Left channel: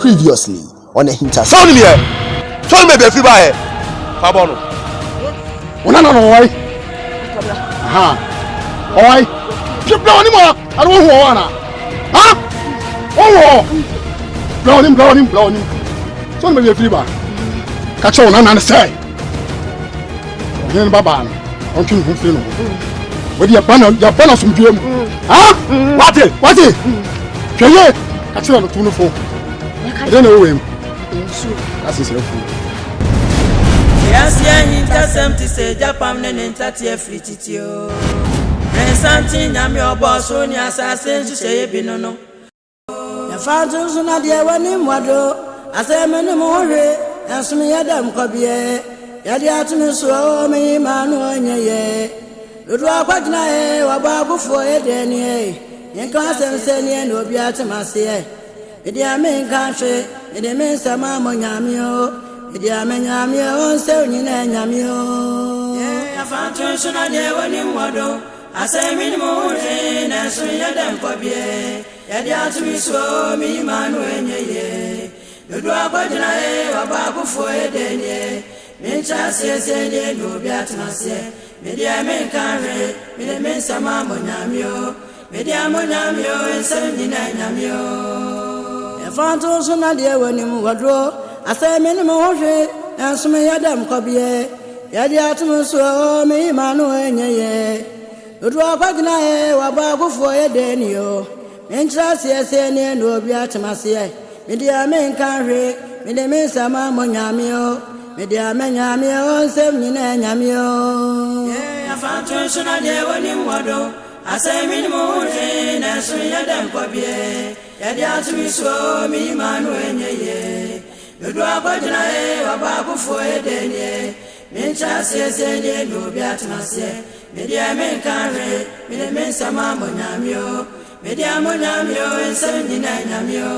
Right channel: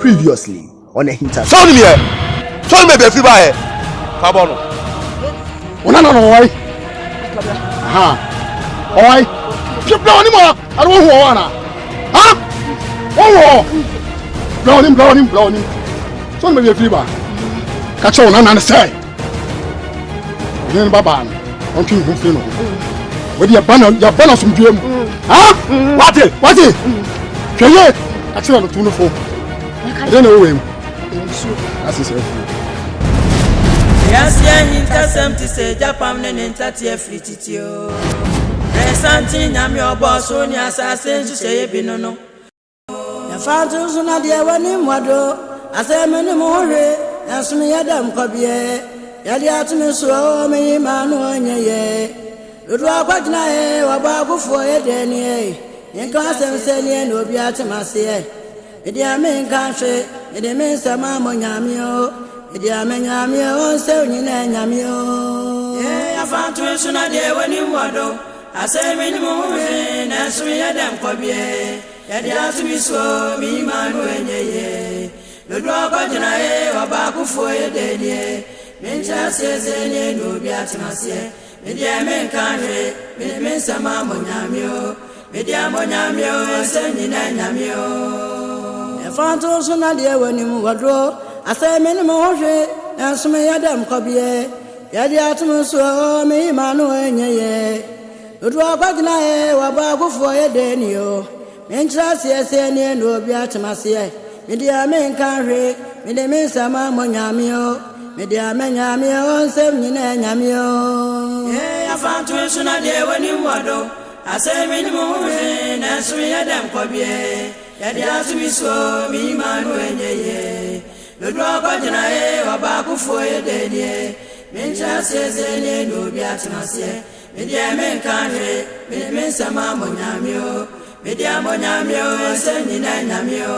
Previously on AHINTASEM. Sound me here. Sound me be free by. Kabono. No. Why? Aha. Why? Keep down him. I don't want to. Huh? Oh. Blow him. Sound me be free by. Catch on and say. Then Baba. On king who feel no. With your banner some dream. Huh? What it? Can you? Catch on the 24. I don't know him. That's his refuge. Yes, AHINTASEM to say Japan and Entatia free titio. Resantin, I'm your boss, only assassin to say Binono. Your father's not the one in Wado. I say, many more, and some Yadam Cobie. Yadiatumi so me manu onye. Udwa kwagina wa babu fo edeni. Yenka semseni no biatemase. Edi amen kanhwe, edi men sama monyamio. Edi amenyamio onse nyina nyamio. Ya fatu so na de woni mwodo. Ase me ni muhwe na so yadam kwabie. Yadiatumi so me manu onye. Udwa kwagina wa babu fo edeni. Mincha siye no biatemase. Media men kanhwe, men sama monyamio. Media monyamio ense nyina nyamio. Fanto so na de wani mu wadro asa me ne mo hwe enso me yadam kobie yade atum so me manu enyeye odu akwagina wa ba gofo yede ni yo mentra siese ne no obi atemase me dia men kan hwe me de men sama monyamio me dia menyamio nsem nyina nyamio ya fanto so na de wani mu wadro asa me ne mo hwe na so yadam kobie yadi atumiso mi manu enyeye nodo akojina wa ba kufo yedenie mencha siese no biatimase media men kanwe men sama monyamio media monyamio ensenyina nyamio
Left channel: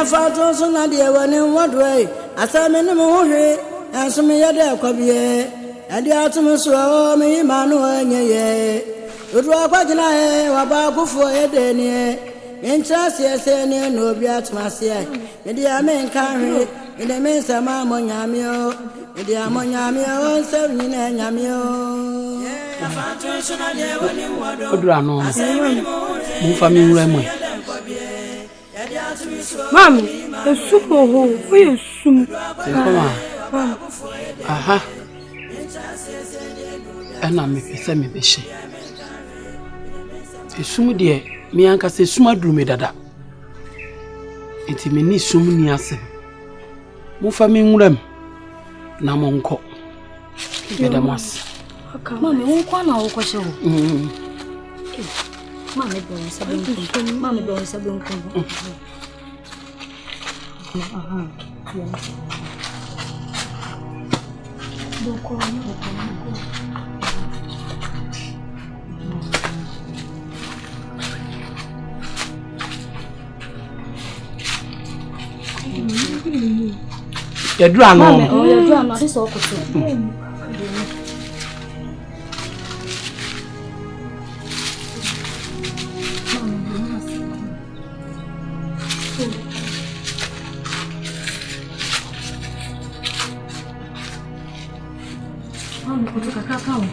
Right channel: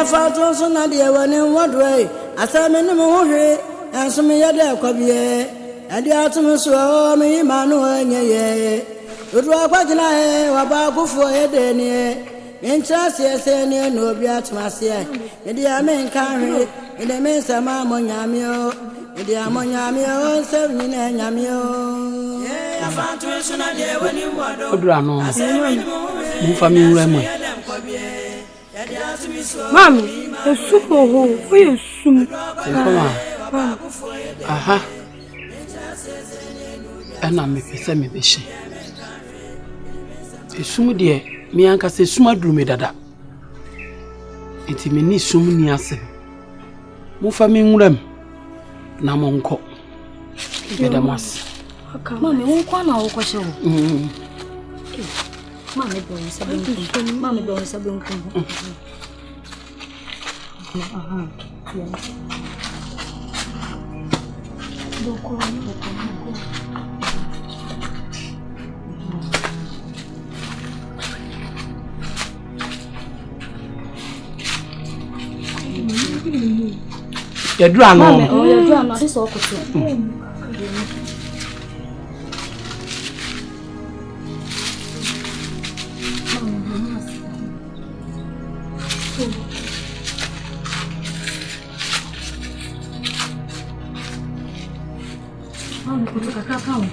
afato so na de wani wodwe asame ne mo hwe enso me yade akobie yadi atumiso mi manu enyeye nodo akojina wa ba kufo yedenie Mencha siese no biatimase media men kanwe ide men sama monyamio media monyamio onse nyina nyamio afatu so na de wani wado odura no mu fa mi nwura mu mami esum ho esum koma aha ana me pese me behye esum de mi anka se suma duru me dada enti me ni sum ni ase mu fa mi nwuram na mo nko beda mas mami won kwa na wo kwahye wo mami be won sabe nko aha doko Yadura no. Yadura no this okoto. Mami kutoka kakao.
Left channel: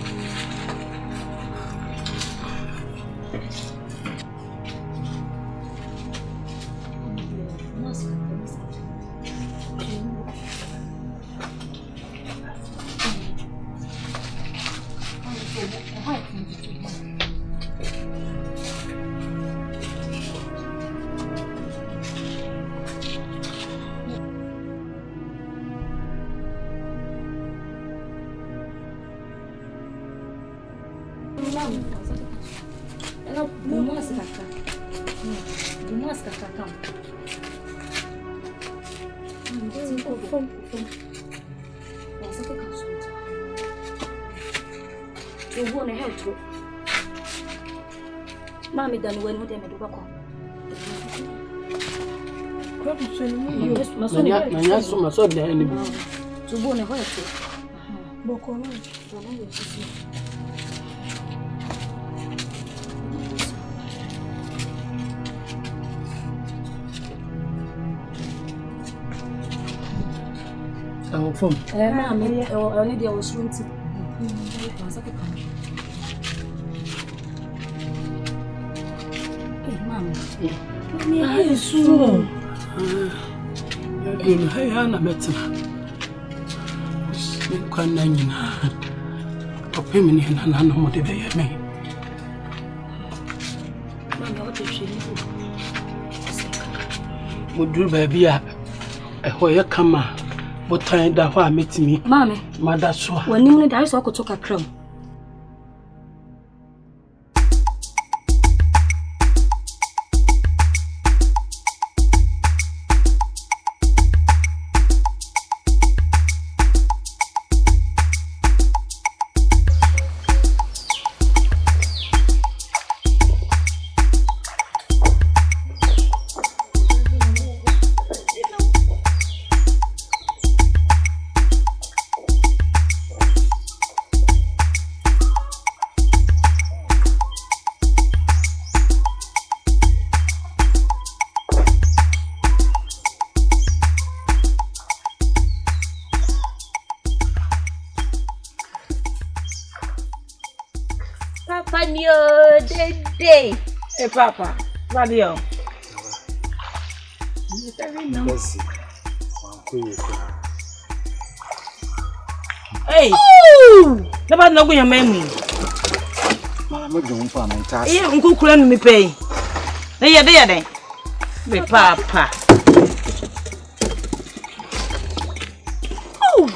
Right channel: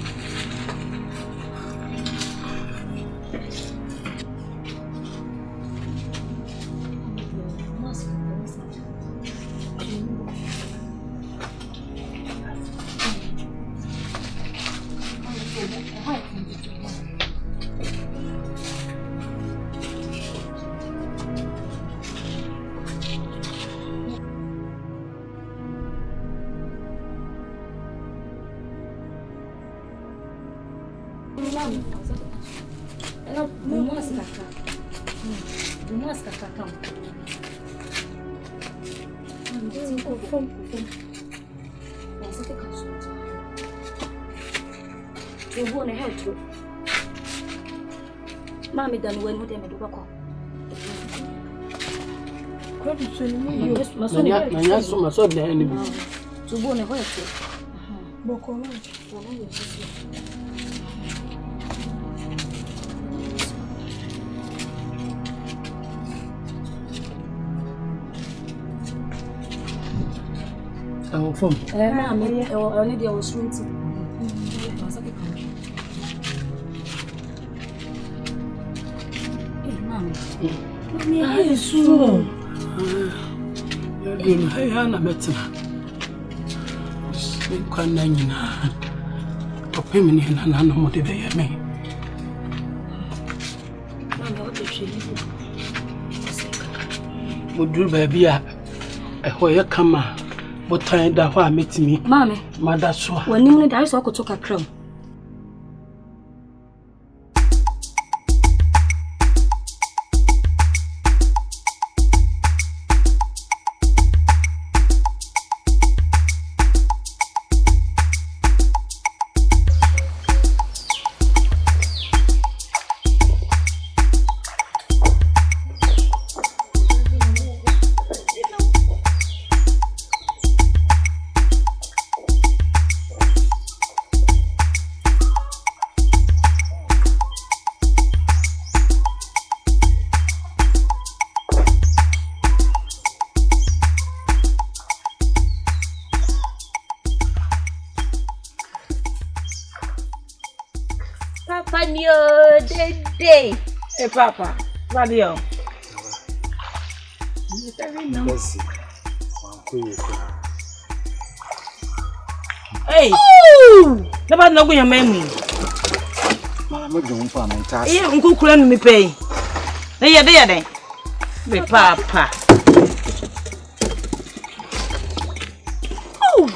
Mommy done when would they do a call? Oh, from Mammy, I need your swim to. Mommy, I is soon. Hey, Anna Metzner. Can't opinion and I know what they me. Mammy, what if she leave? Would you baby a where come? What time that why meet me? Mammy, Mother, so when you need, I saw could talk a crown. Day. Hey, Papa. What are you? Hey. Never know your memory. Mama, don't find my task. Yeah, Uncle Clan me pay. There. Me Papa. Oh.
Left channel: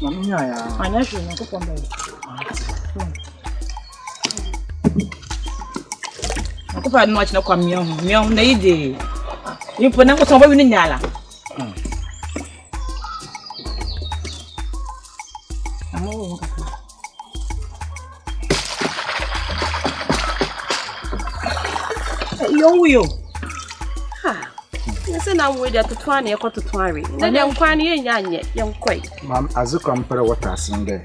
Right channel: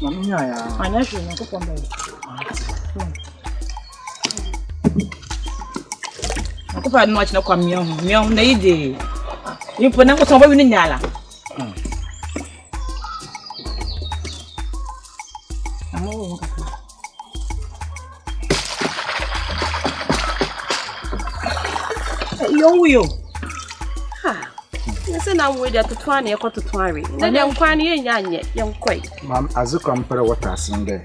Mamma, I know you know come Kupa no achina kwa miyo na ide yipo na ko so ba wi ni nyala amo yo ha nse na we da tutu an e ko tutu are na ne nkwa ne yenya anye ye nkoi mam azuka mpere water singe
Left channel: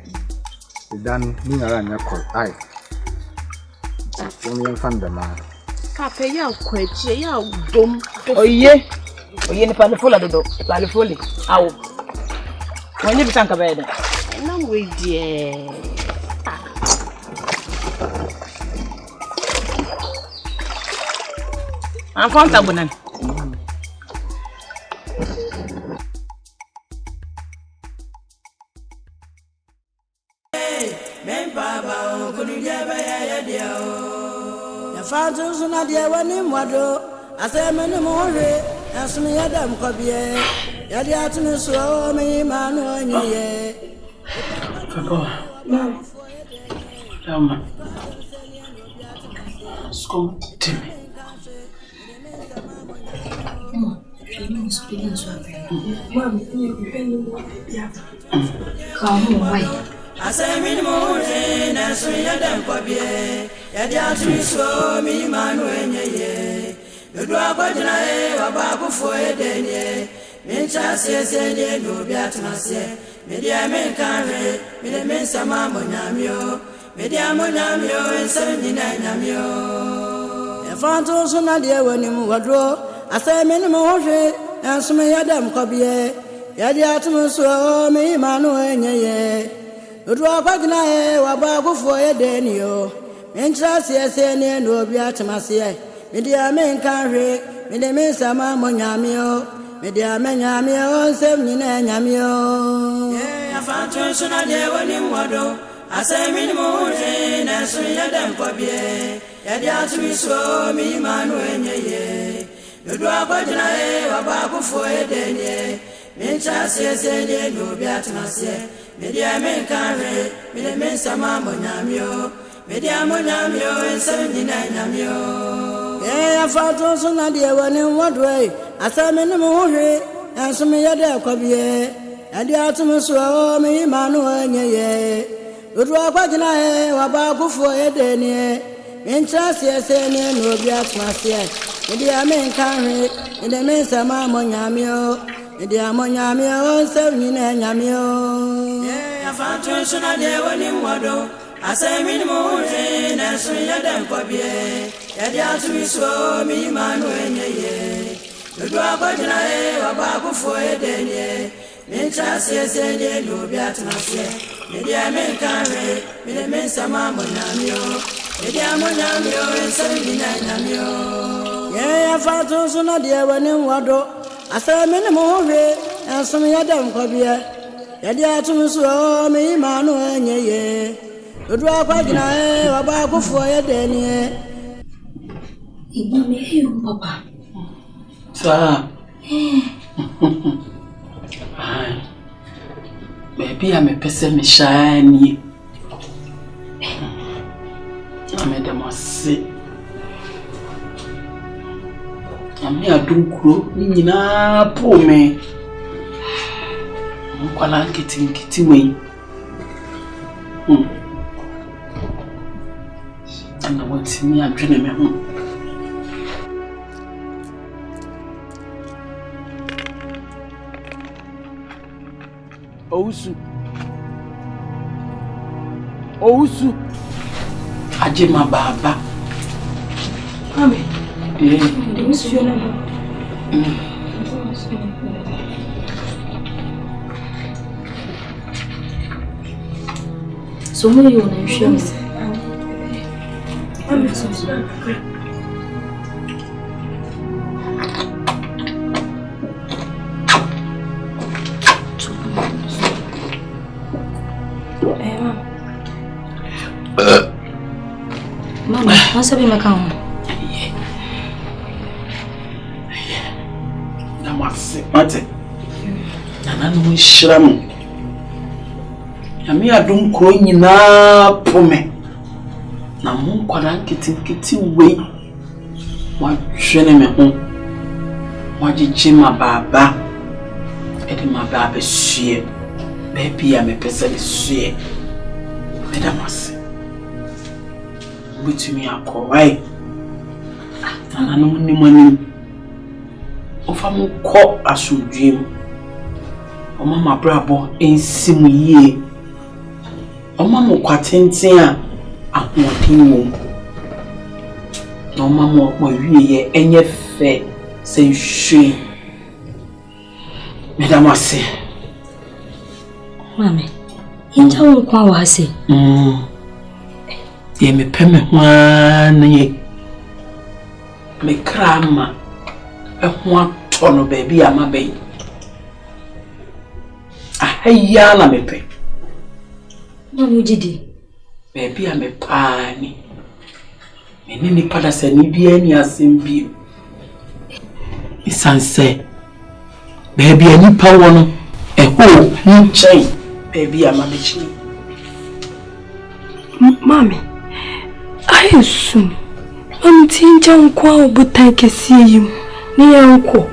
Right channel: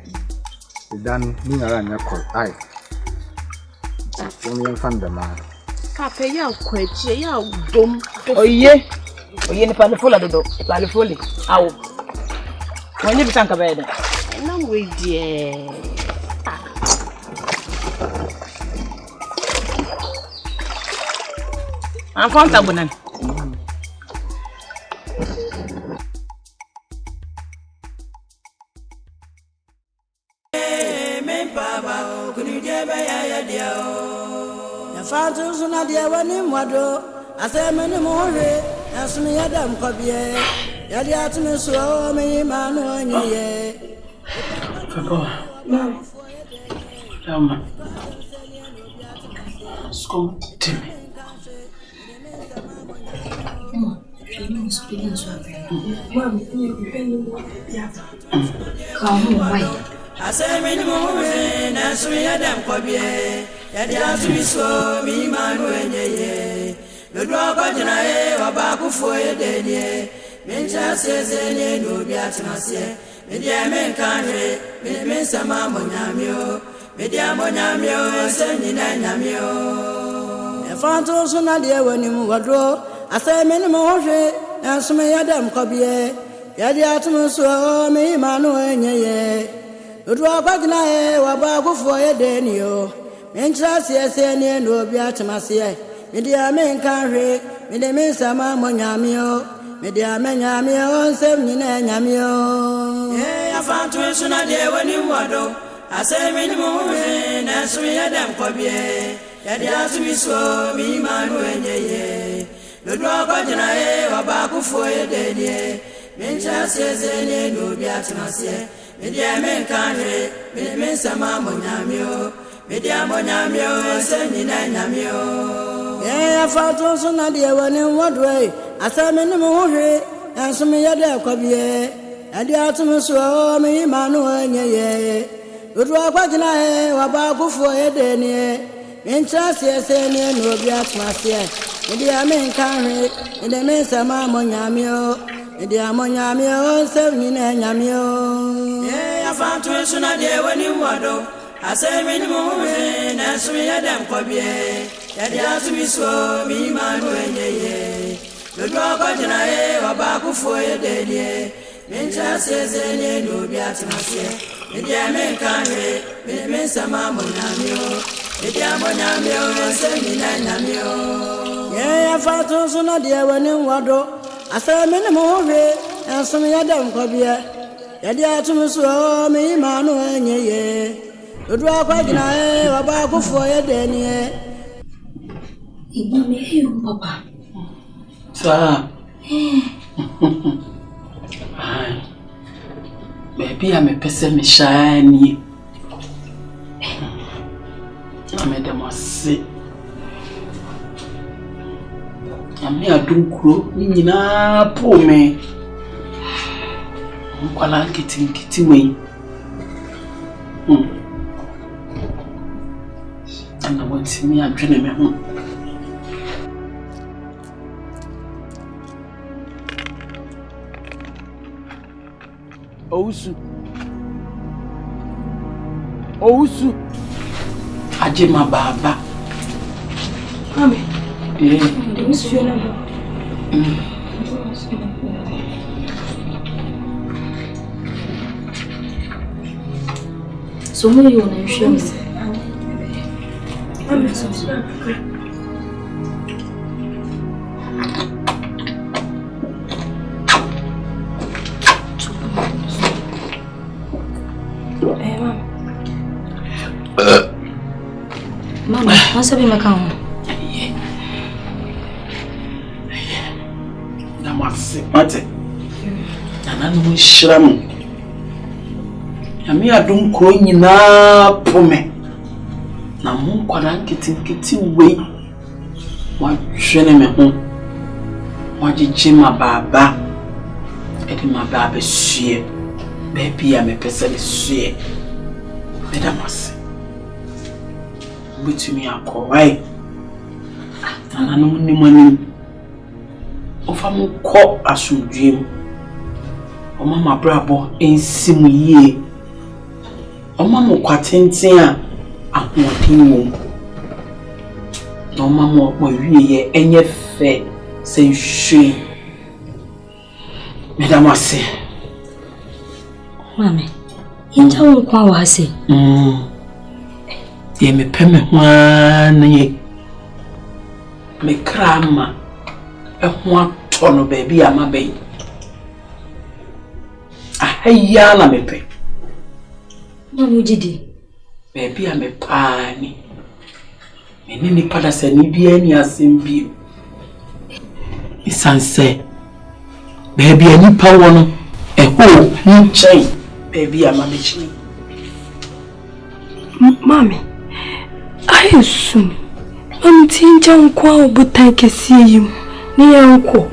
idan ni nyala anya koi ai Women fan the man. Papa, ya kwechi, ya dom. Oye ni palifola dodo, palifoli. Awo. Wonye bisanka bede. Na we die. An konta bunan. Fantu suna dia wani mwado asemeni muhuri asumi yadam kobie yadi atumi so me manu onyiye Mama. Come to me. Asemeni muhuri asumi yadam kobie yadi atumi so me manu onyiye Lodwa kojuna e wabakufu edenye mincha siesene no biatmase media menkanre mensa mambo nyamio media monyamio ensenyi na nyamio efanto suna de wani mu wadro asemeni mo hwe ensume yadam kobie yadi atmuso me manu enyeye Lodwa kojuna e wabakufu edenyo mincha siesene no biatmase Media men canre, media men sama monyamio, media men yamio, sem nina nyamio. Yeah, I found to sooner there when you wado. I say, Minimoje, Nasri Adam Cobie, Yadia to be so, me man when ye. The dog of Janae, Abaku for a day, Mintrasie sene no biatmasie. Media men kanre, me men sama monyamio. Media monyamio ensenyina nyamio. Yeah, I fought also na dear one in what way. I saw me no more, and some yada cobie. And the autumn so me Manuel ye. Would walk back in a wabako for a day. Mintrasie sene no biatmasie. Media men kanre, and the men sama monyamio. Media monyamio ensenyina nyamio. Yeah, I fought also na dear one in what. I say minimum, and some yada cobie. Yada to me so me Manuel ye. The dog of Janae, a back for a day. Mintrasie sene no biatmasie. Media men kanre, me men sama monyamio. Media monyamio ensenyina nyamio. Yeah, I fought also na dear one in wado. I say minimum, and some yada cobie. Yada to me so me Manuel ye. The dog of Janae, a back for a day. Papa. Sir. Baby, I'm a person shiny. I made them all sick. I'm here to grow in a poor me. I'm getting me. And I want to see me and dream me home. Ousu. Ajema baba. Mami. Yeah. So who you want to show me? Mama, what's up in my car? Mate. Nana no shram. Yami adum kro nyina pome. Na mo kwara nkiti we. Wa hwene me ho. Wa gigi ma baba. Edi ma baba hwie. Baby ya me pese le hwie. Medamase. Betumi akowai. Nana no ni mani. Ofamu ko asudwem. Mama brabo ensimu yie. Mama kwatenten a ahoden wo. Na mama mo wiye enye fe se hwe. Medamase. Mami, inja wo kwa wase. Ye me peme hwan ye. Me krama. Ehwa tono baby amabe. Ahaya na mepe. Mami jidi. Baby amepani. Menini pada se ni bia ni asembi. Isanse. Baby ani pa wono. Eho nchen. Baby amamechi. Mami. Ayesu. Mami tinja nkwa obutan kesiye yim. Ni yanko.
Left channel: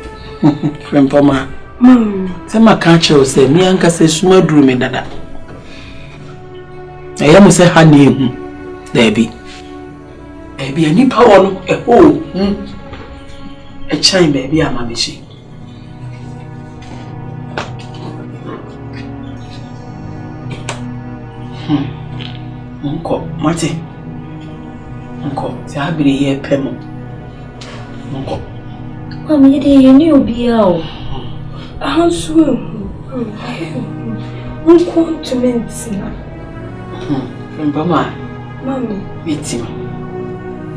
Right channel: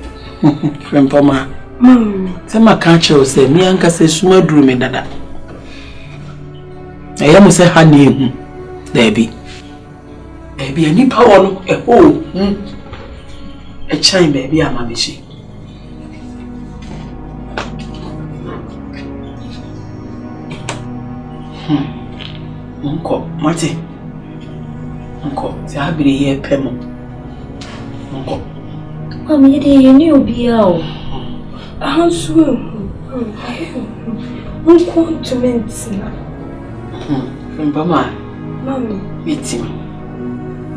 Frempoma. Mami. Sema kanche ose mi anka se suma duru me dada. Eya mo se ha na ehu. Baby. Baby ani pa wono eho. E chan baby amamechi. Unko, mate. Unko, ti abiri ye pemo. Unko. Mami yede ni obi a o. Ahansu. Unko ntumentina. Mbama. Mami. Betimi.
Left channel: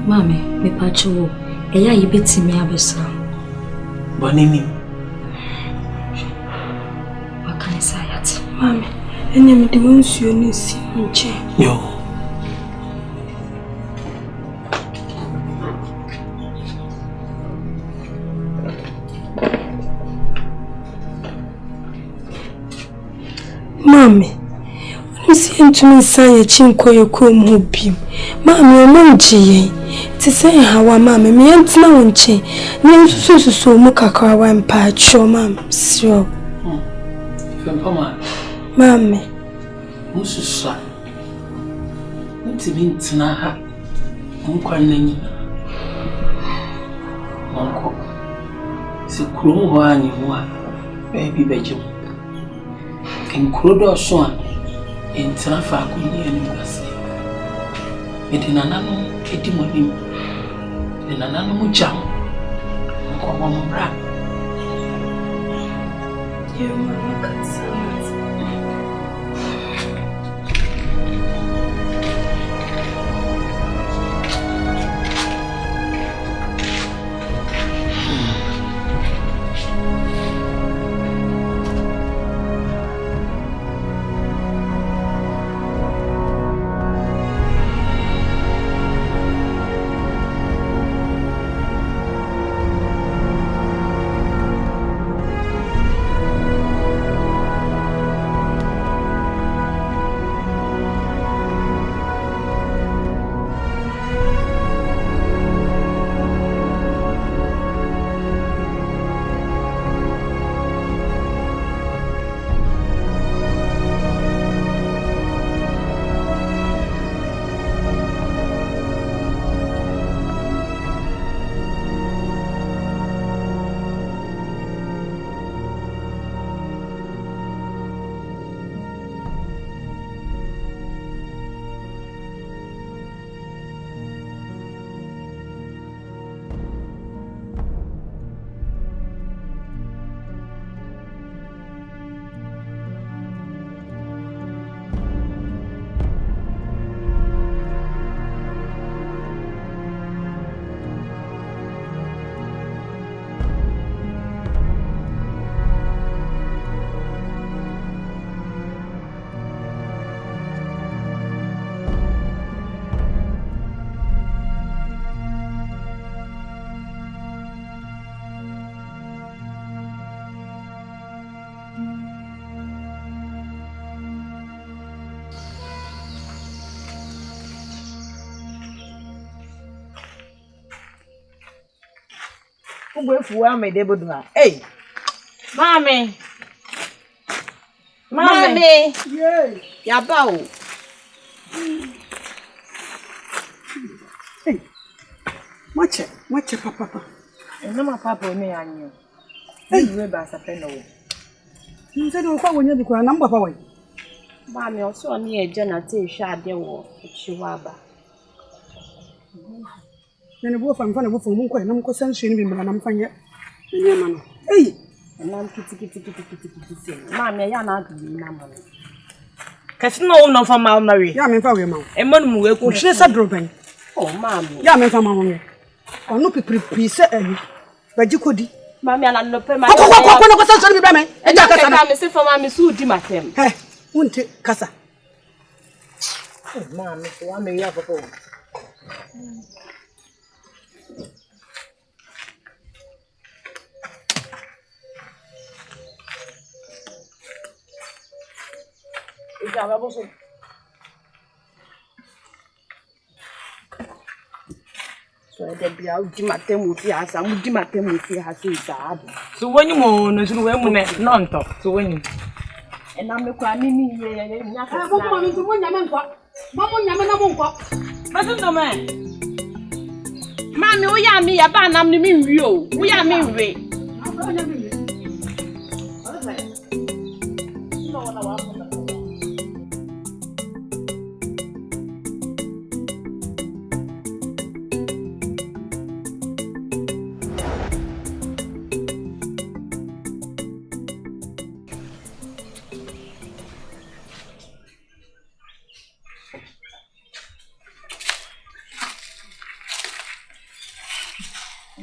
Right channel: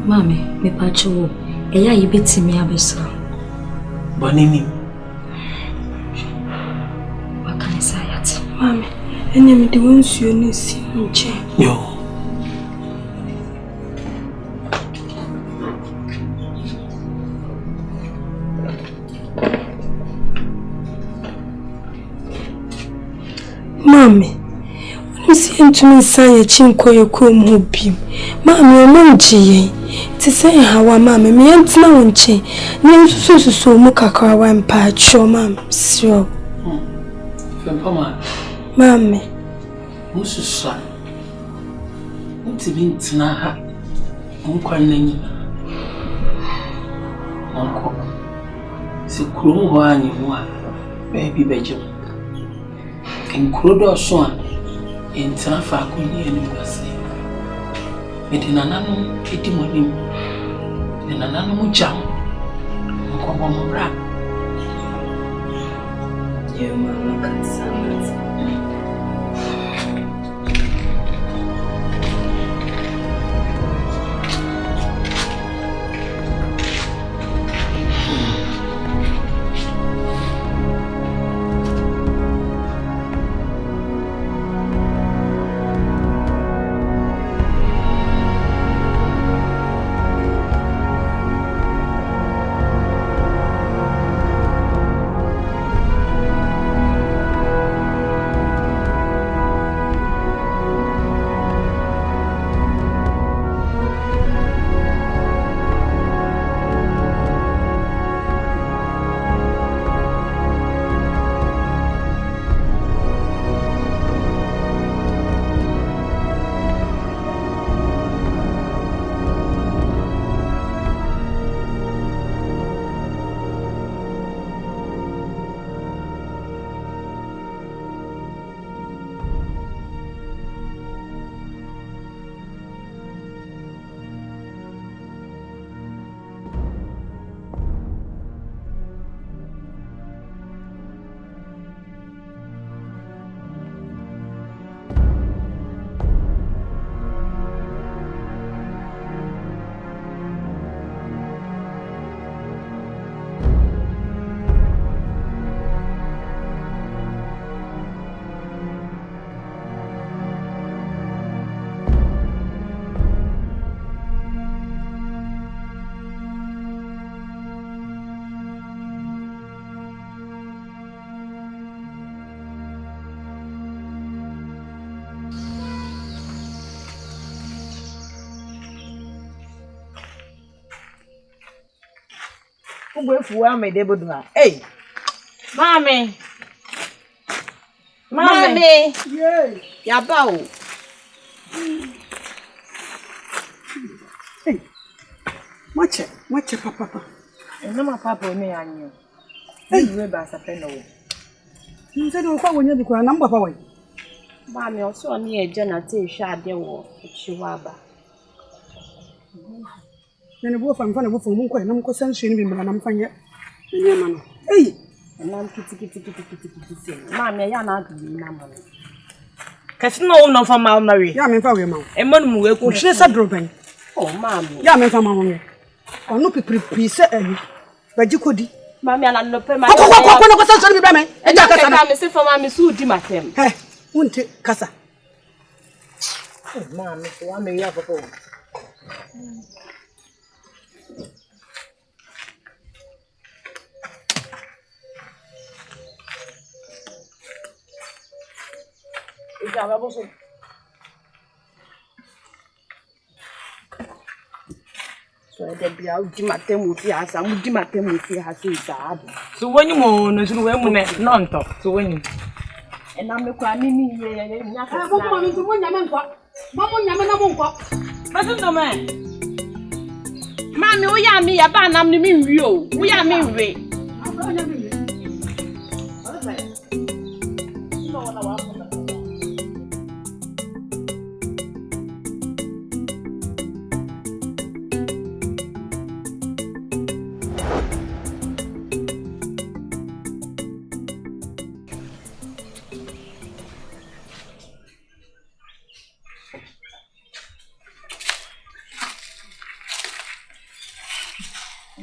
Mami, me pacho. Eya yi betimi abesa. Bonini. Wakanisa yati. Mami, ene mi de wonsuo ni si nche. Yo. Mommy, I'm seeing to me say a chinko your comb who beam. Mammy, I'm G. To say how a mammy, me and no chain. Names so muka one patch, your mam, sure. Mammy, Mrs. Son, what's it mean to na uncle? Uncle, it's a cruel one you want, baby Benjamin. And Crudo Swan in Trafalgar and Gussie. It in an animal, Etimonim, and an animal jam. Uncle Mamma Brab. You mamma can say. Hey, Mommy. Mommy. Yes. Yabao. Hey. Watch papa. No my papa me anyo. Hey, we ba sa pe no. Nse do kwa wonya bikura na mbapa wai. Mommy also on e je na te hwa ade wo chiwaba. Na ne bo fa mfa na bo fa mu nkwa na mko sanhwe ni bimbala na mfanye. Nye ma no. Hey. Na kiti. Mommy ya na adu na mo. Kasi no no fa ma na we. Ya me fa we ma. E mo no we ku. O hwe sa droban. Oh, Mommy. Ya me fa ma wo. Onu pipiri se ayi. Baji kodi. Mommy ala no pe ma. Ko no sanhwe ni bibame. E ja kasa na me se fa Mommy su di matem. He. Wonte kasa. Oh, Mommy, so wa me ya papa. Ija babo so. So de bia udi matem ofi asa, udi matem ofi asa isa. So woni mo no so we mu ne nonto. So woni. E na me kwa ni ye nya ka. Boko ma mi mo nyame nkwa. Mo nyame na mo nkwa. Basu ndo me. Mami wo ya mi ya ba nam ni mi nwi o. Wo ya mi nwi. Afro nya mi. Ala sai. No wala wa.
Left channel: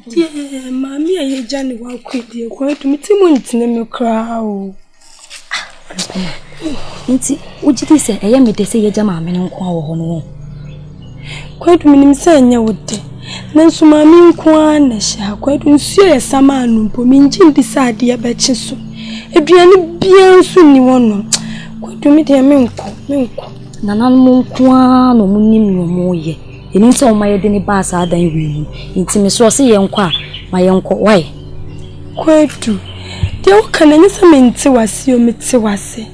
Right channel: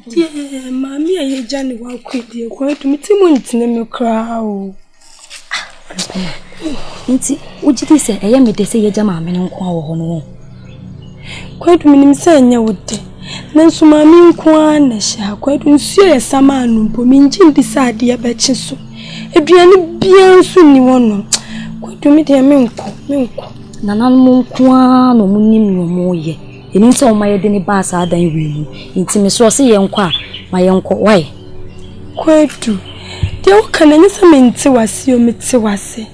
Yeah, mommy, I Johnny walk with you. Quite to meet him in the crowd. Nti, would you say, I am the say, Jamma, and Quaho? Quite meaning saying you would. Then so mammy Quan, shall quite unsure some man, Pominjin decide the abaches. A piano bien soon you won't. do me dear menko. Nana Munkwa no Munim no moye. In some my deni bass are than we. Intimacy see yonkwa, my uncle. Why? Quite do. The can any cement was you mitse.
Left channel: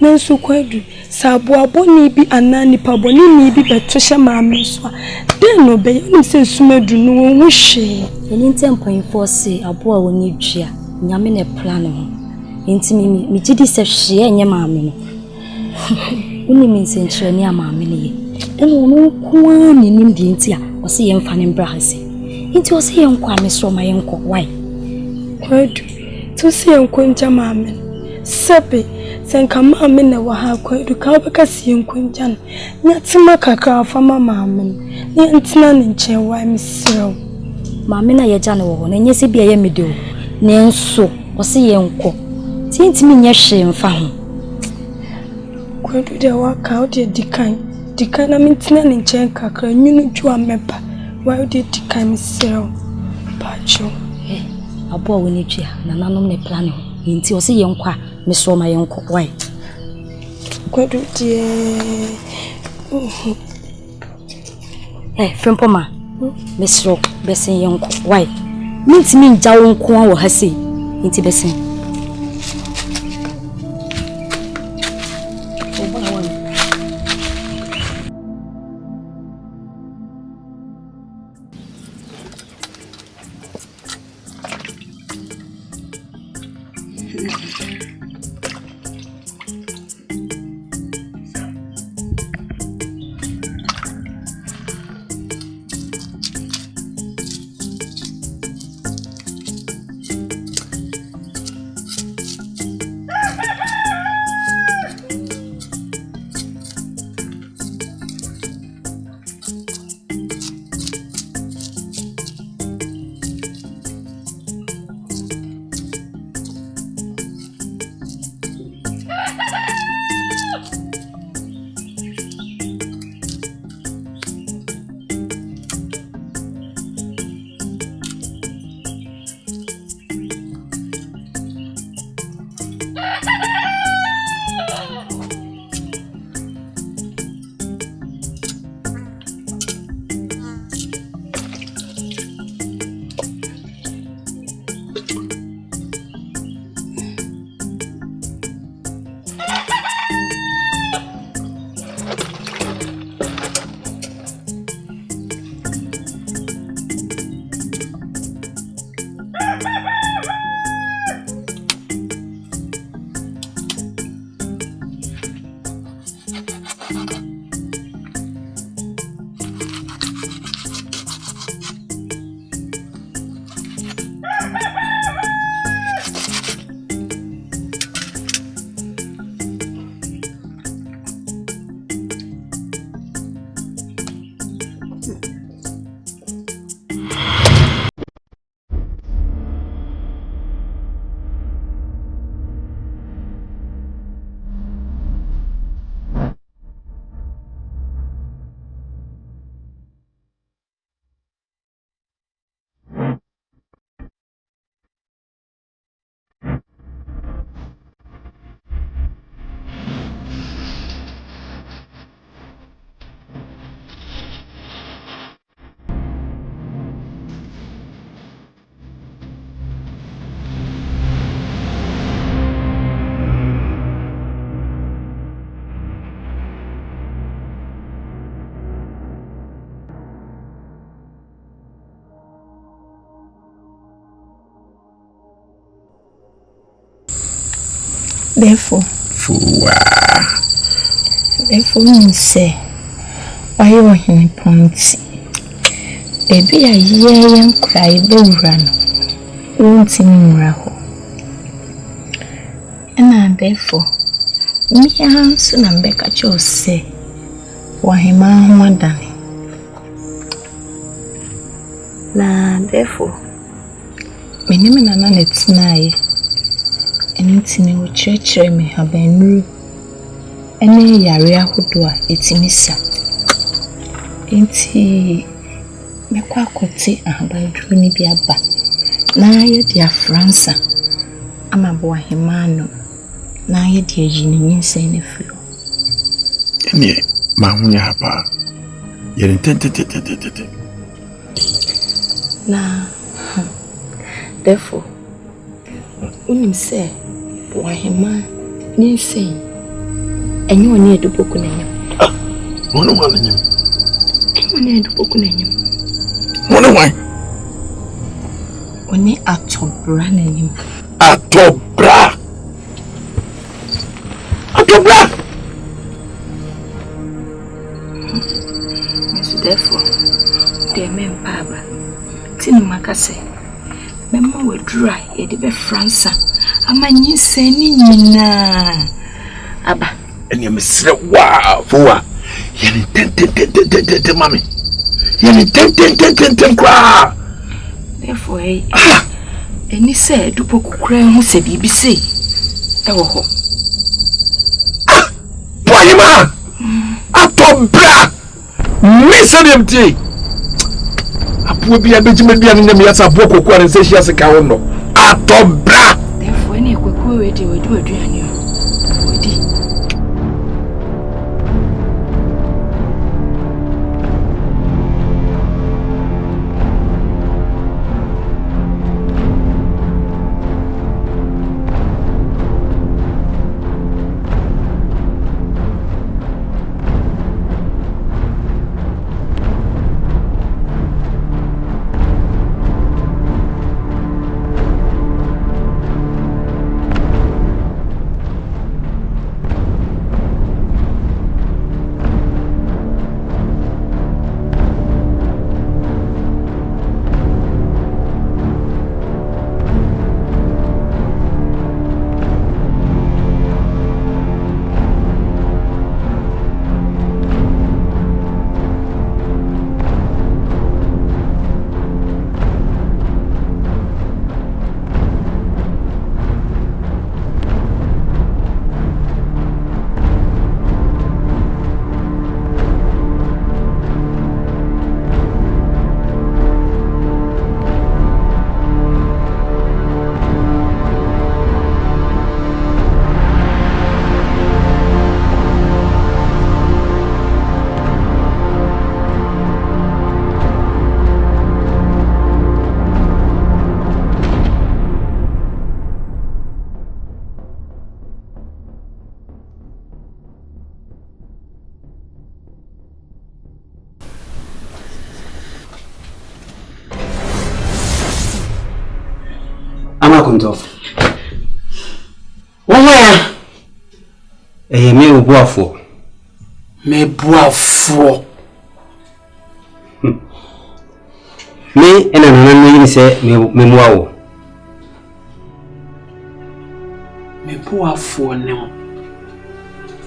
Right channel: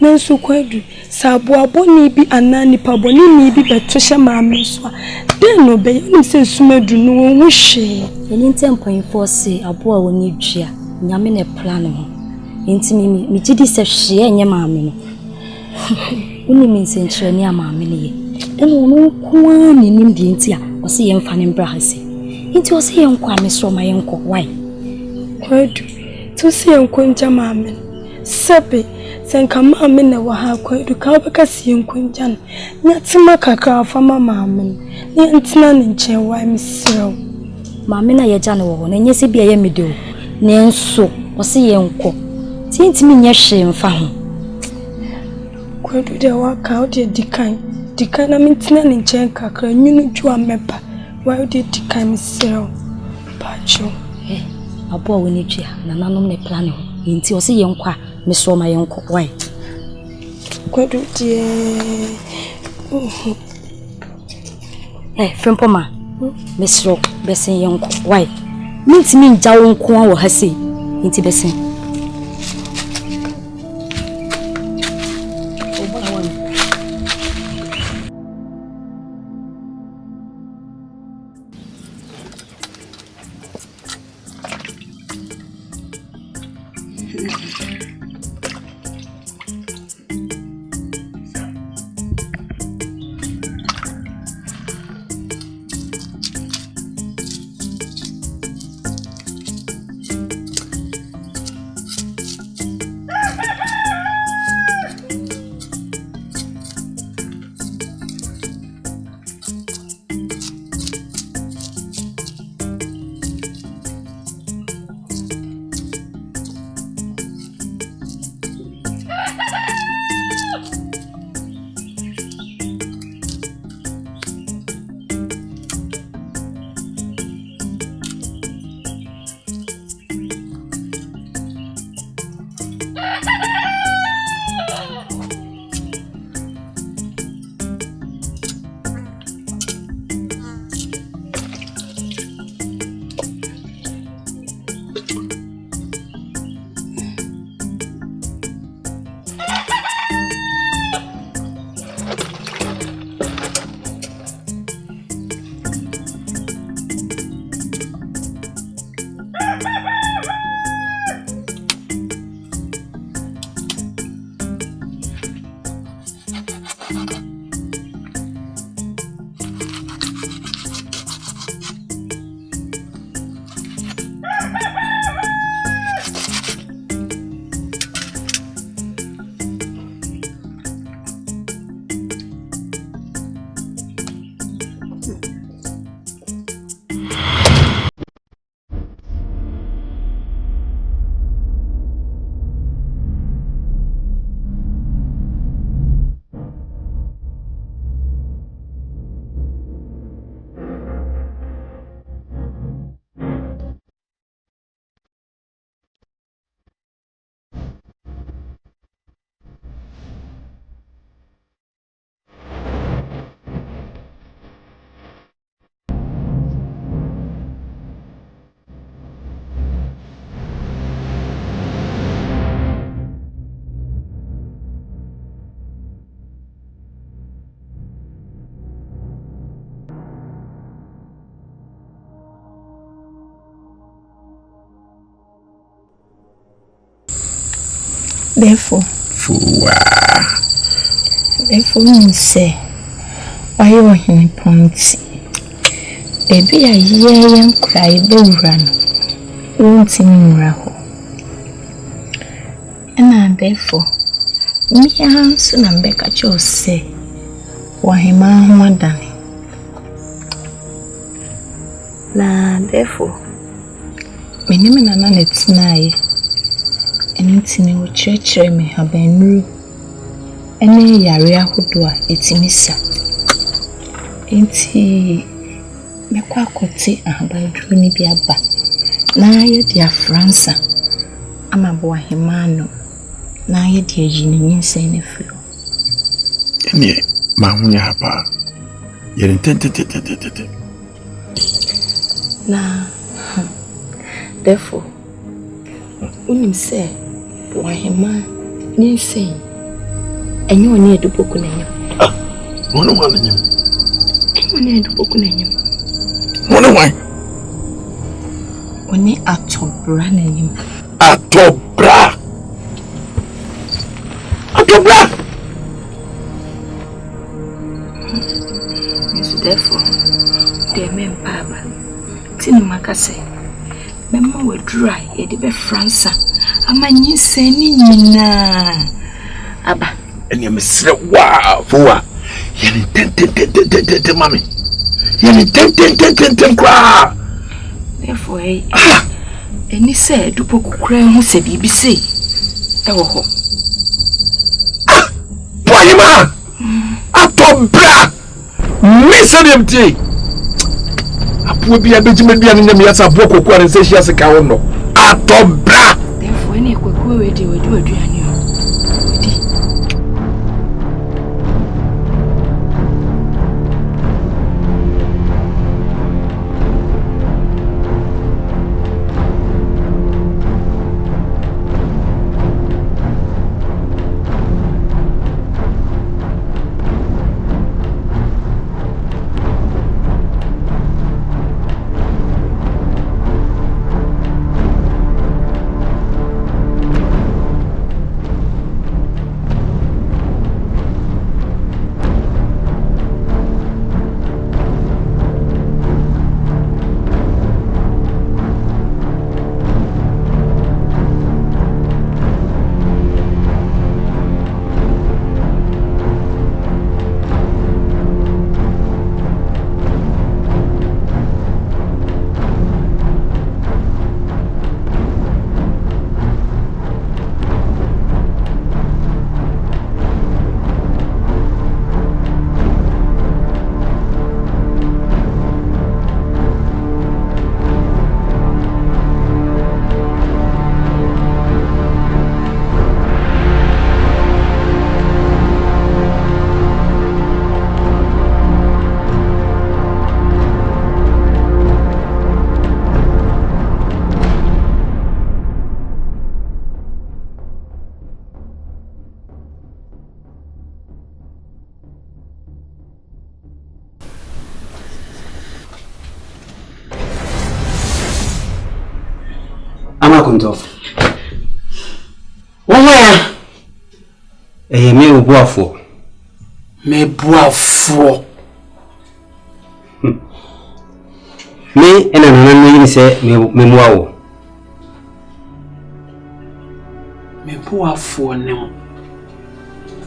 Nansu kwadu sabu aboni bi anani paboni ni bi betosha maameswa den no be nim se sumadu no wo hwe eni tempo say abo a woni dua nyame ne plan ho enti mi gidi se hwe enye maame no woni mi se nkyere ni amaame ne ye den wo ko ani nim di enti a wo se ye mfa ne mbra hase enti wo se ye nkwa mesro ma ye nkọ why kwadu to se ye nkọ nja maame sebe senka maame na wa ha kwadu ka beka se ye nkọ nja no nyatima kakra fa mama ne ntina ne nche wa misrew maame na ye ja ne wo na nye se bia ye mede o ne nso wo se ye nkọ tintimi nye hwe mfa ho kwadu de wa ka o de dikan na mintina ne nche kakra nyunu ju amepa wa o de dikan misrew pacho abo a woni twa na nanom ne plan ho nti wo se ye nkọ mesro ma ye nkọ why kwadu de Frempoma, Miss Rock, Bessin young why? Means me down Kwan or Hasi, into Bessin. Therefore, say, why you are in point? Baby, I hear and cry, they run. Won't in raho. And therefore, me soon and back at your say, why him more than therefore, me name and it's nigh. Anything will church me have been new. Any area who do it missa. Ain't he? Me quackoti and by Druni Biaba. Na ye dear França. I'm a boy himano. na ye de ayi ne nyinsɛn ne firi. Ene ma hunya hapa. Yere tete. Na therefore unim say wahema nyinsɛn enye oni edupoku na nyem. Wono wa nyem. Enye oni edupoku na nyem. Wono wa. Oni atobra na nyem. Atobra. So therefore, the men paba. Tin makase. Mema we dry e de be fransa. Ama nyinsɛn ni nyina. Aba. Ene mesre wa fowa. Yene tete mami. Yene tete kwa. Therefore, eni se dupo kukura hu se bibi se. Ewo ho. Boyima. Atobra. Mesadiamti. Apu bi abejima bia ne nyame yasa apu kokko an se hia se ka wo no. Atobra. Therefore, eni kokko we de aduane o. Wedi. Kunto. Waya. Me ubuafo. Me buafo. Me ena nana yin se me muawo. Me buafo ne mo.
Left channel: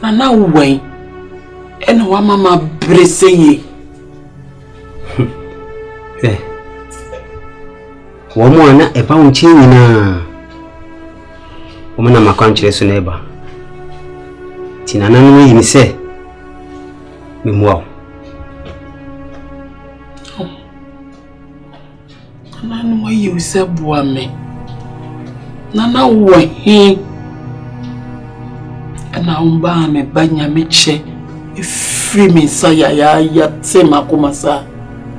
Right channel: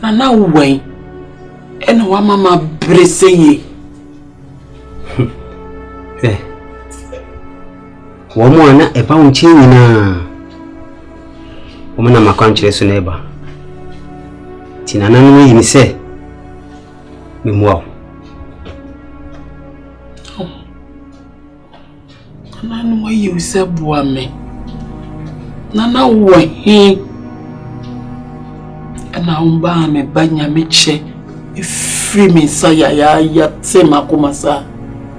Nana wen. Ena wa mama breseye. Womo ana eba unchi nyina. Womo na makwanchire so na eba. Tinana no yin se me muawo. Nana wa yi se bua me. Nana wo he. Ana umba me banya me che. Free me saya ya te makomasa.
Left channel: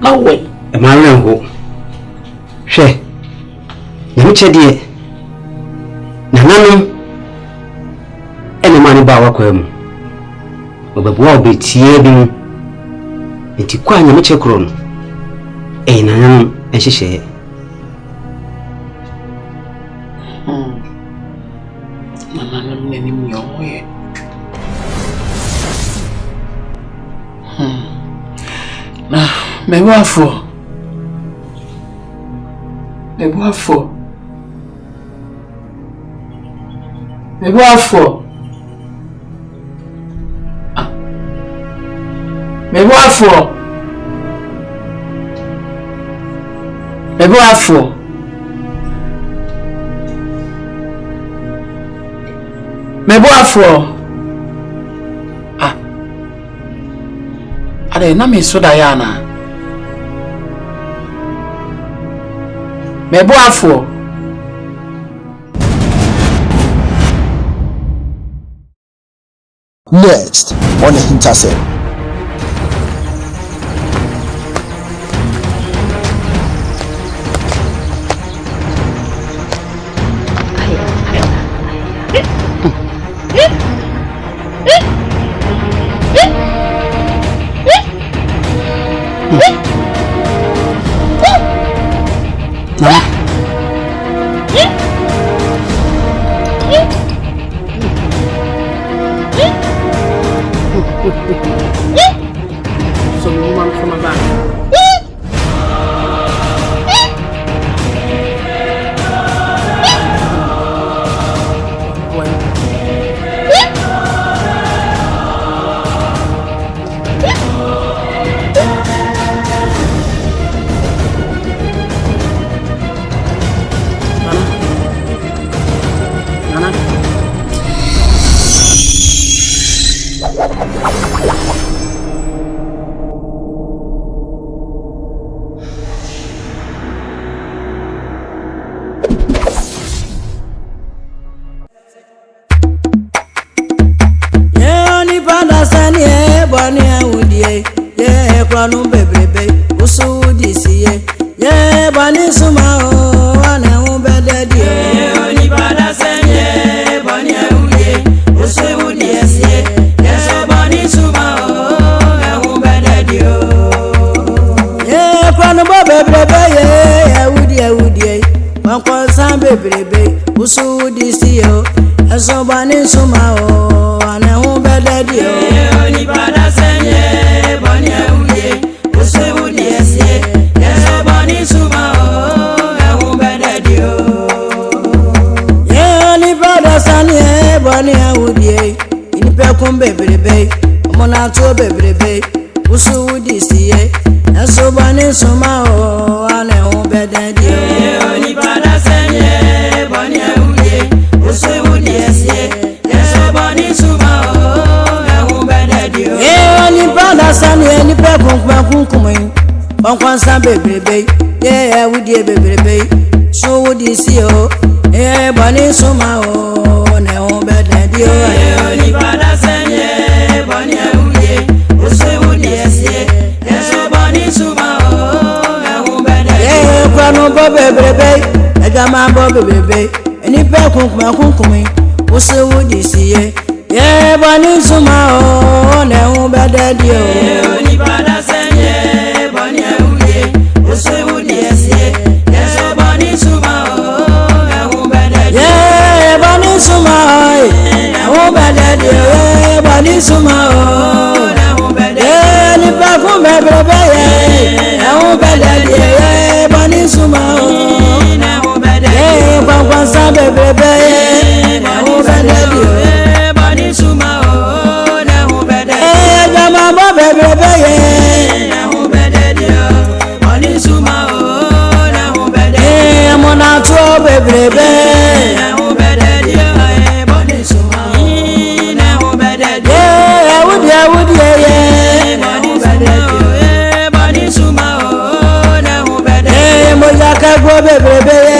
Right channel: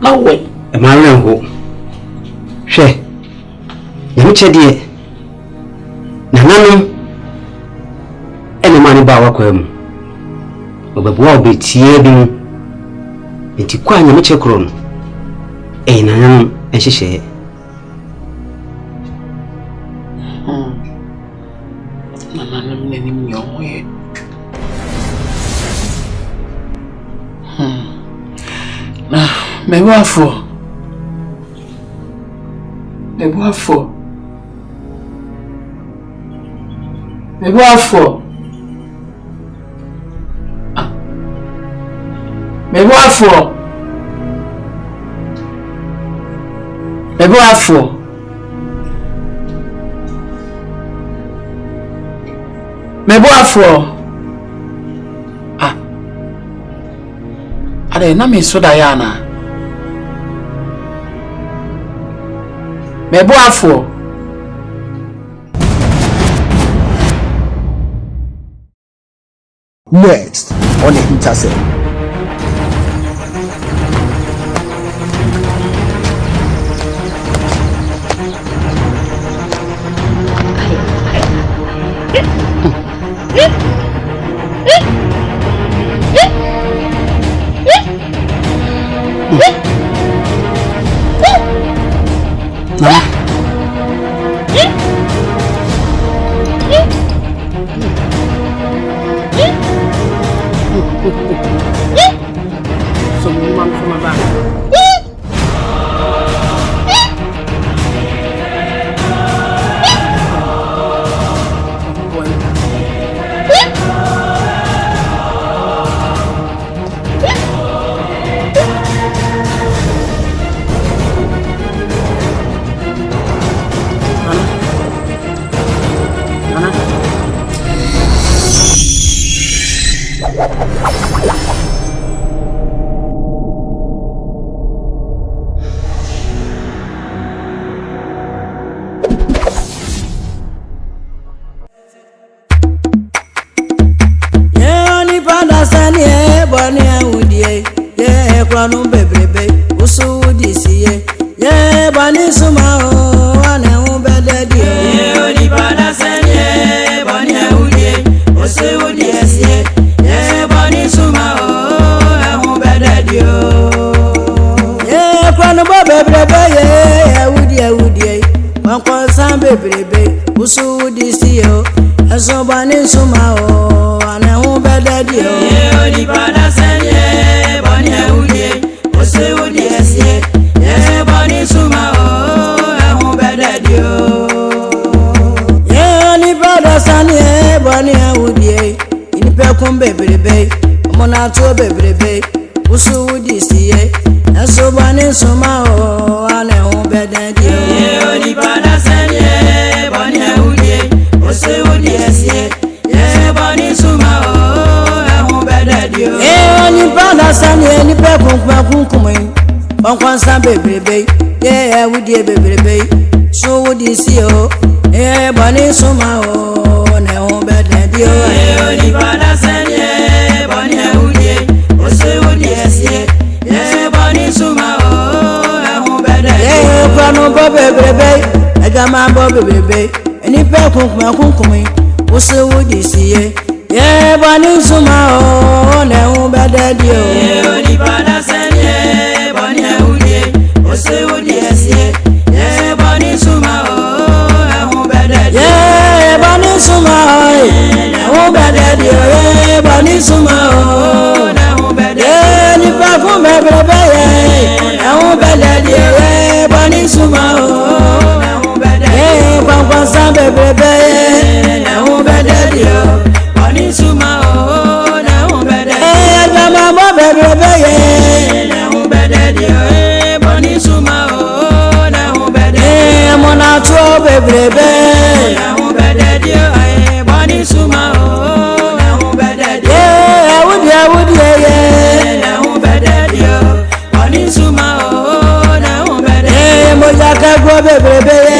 Na we. E ma renho. Hwe. Nyame chedie. Nanano ene mani ba wakwa mu. Obabuwa obetie bi mu. Enti kwa nyame chekro no. Nanano enhyehyɛ. Nanano mnenim yoye. Na mebuafo. Mebuafo. Mebuafo. Mebuafo. Mebuafo. Mebuafo. Ade na me soda yana. Mebuafo. Next on AHINTASEM. So you want from a back? Kwanu bebrebe usu disiye ye bani suma o wana ubede di o ni bada senye bani uye usu disiye ye bani suma o na ubede di o ye kwanu bebrebe ye udi wankon san bebrebe usu disiye o aso bani suma o wana ubede di o ni bada senye bani Sanye bani awudie inipe kun bebrebe omona to bebrebe usu wudisiye eso bani suma o ane hu bededi o ni bada sanye bani awudie usu wudisiye ye bani suma o na hu bededi o ni bada sanye inipe kun kumin bankwan san bebrebe ye awudie bebrebe so wudisiye o ye bani suma o ne o bede dio ni bada senye bani uye o wudisiye ye bani suma o na o bede ye kwanu bo bebrebe egama bo bebrebe eni pe kunkum o wudisiye ye bani suma o ne o bede dio ni bada senye bani uye o wudisiye ye bani suma o na o bede ye bani suma o bede dio bani suma o na o bede ni pa kun bebrebe ye o bede dio bani suma o na o bede ye kwankwan sa bebrebe ye o bede dio bani suma o na o bede ye jama mo bebrebe ye o bede dio bani suma o na o bede ye mo na to bebrebe go bebrebe